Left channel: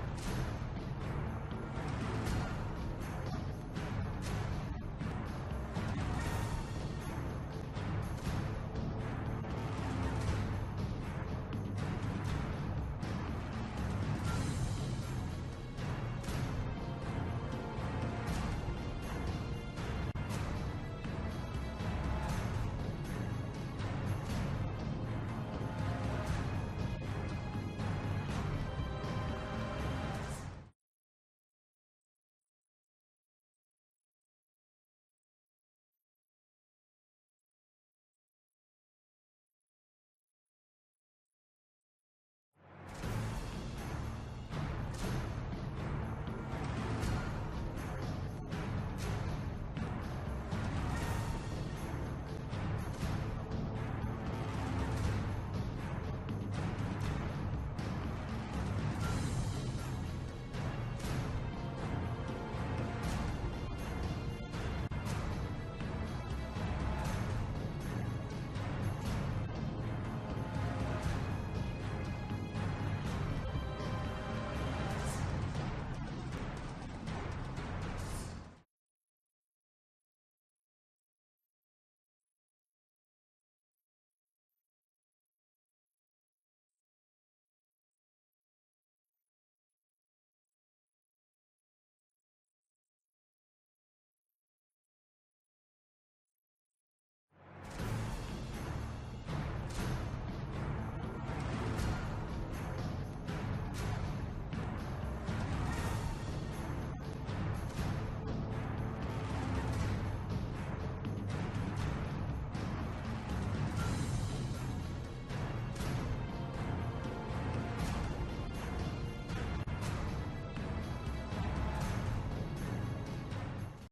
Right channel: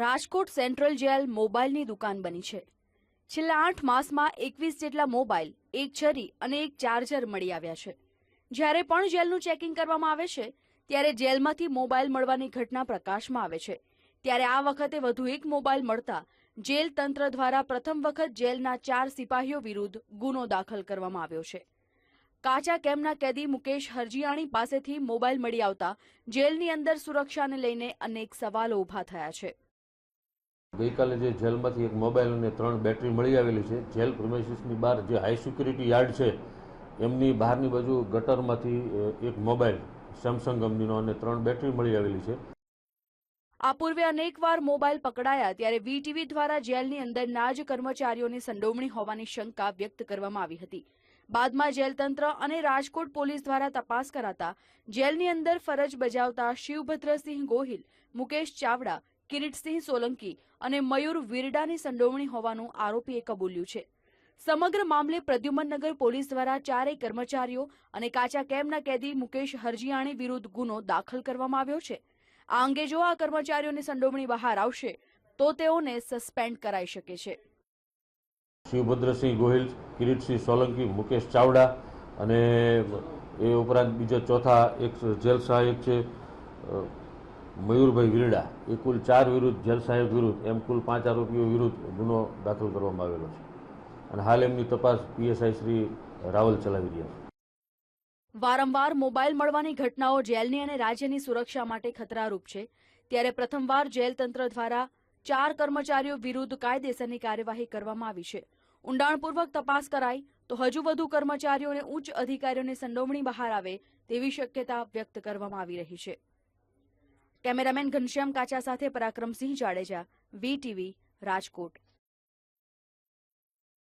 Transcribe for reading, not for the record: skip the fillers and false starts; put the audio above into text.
Rajkot central jail મોબાઈલની દુકાન બની છે। છેલ્લા 8 માસમાં 21 જેટલા મોબાઈલ, એક છરી અને એક ચાર્જર મળી આવ્યા છે। જ્યારે પણ જેલનું ચેકિંગ કરવામાં આવે છે ત્યારે જેલમાંથી મોબાઈલ મળવાની ઘટના પ્રકાશમાં આવે છે। ત્યારે આ વખતે વધુ એક મોબાઈલ મળતા જેલ તંત્ર દ્વારા પ્રથમ વખત જેલના 4 સિપાહીઓ વિરુદ્ધ ગુનો દાખલ કરવામાં આવ્યો છે। કાચા કેમ્પના કેદી મુકેશ હરજીયાણી પાસેથી મોબાઈલ મળી આવતા જેલની અંદર સુરક્ષાને લઈને અનેક સવાલો ઊભા થયા છે। ગઈકાલે જે જેલમાંથી એક મોબાઈલ અને 3 બેટરી મળી આવેલી છે। જેલ પ્રિમાઇસીસની બહાર જે હાઈ સિક્યુરિટી યાર્ડ છે એમની બહારની બાજુ ગટરમાંથી એક મોબાઈલ સેમસંગ કંપનીનો અને 3 બેટરી મળી આવેલી છે। આ પૂર્વે અનેકવાર મોબાઈલ પકડાયા ત્યારે બીટીવી દ્વારા જેલની અંદરના જ કર્મચારીઓની સંડોવણી હોવાની શંકા વ્યક્ત કરવામાં આવી હતી। બાદમાં જેલ તંત્ર અને રાજકોટ પોલીસ દ્વારા તપાસ કરાતા જેલની અંદર ફરજ બજાવતા શિવભદ્રસિંહ ગોહિલ, મુકેશ ચાવડા, કિરીટસિંહ સોલંકી અને મયુર વિરડાની સંડોવણી હોવાનું આરોપીએ કબૂલ્યું છે। સમગ્ર મામલે પ્રદ્યુમનનગર પોલીસ દ્વારા 4 કર્મચારીઓ અને કાચા કેમ્પના કેદી મુકેશ હરજીયાણી વિરુદ્ધ ગુનો દાખલ કરવામાં આવ્યો છે। આ અંગે જો આ કર્મચારીઓની સંડોવણી બહાર આવશે તો તેઓને સસ્પેન્ડ કરાઈ શકે છે। શિવભદ્રસિંહ ગોહિલ, કિરીટસિંહ સોલંકી, મુકેશ ચાવડા અને એ ઉપરાંત બીજા ચોથા એક જેલ સહાયક છે મયુરભાઈ વિરડા, એ કુલ 4 વિરુદ્ધ, જેલ સહાયક વિરુદ્ધ એમ કુલ 5 આરોપીઓ વિરુદ્ધ ગુનો દાખલ કરવામાં આવેલો છે અને હાલ એમની તપાસ પીએસઆઈ શ્રી રાવલ ચલાવી રહ્યા છે। વારંવાર મોબાઈલ મળવાની ઘટનાઓ જેલની અને રાજ્યની સુરક્ષા માટે ખતરારૂપ છે। ત્યારે પ્રથમવાર જેલ તંત્ર દ્વારા 4 કર્મચારીઓ વિરુદ્ધ કાયદેસરની કાર્યવાહી કરવામાં આવી છે। ઊંડાણપૂર્વક તપાસ કરાય તો હજુ વધુ કર્મચારીઓ અને ઉચ્ચ અધિકારીઓની સંડોવણી બહાર આવે તેવી શક્યતા વ્યક્ત કરવામાં આવી રહી છે। કેમેરામેન ઘનશ્યામ કાચા સાથે પરાક્રમસિંહ જાડેજા, બીટીવી, રાજકોટ।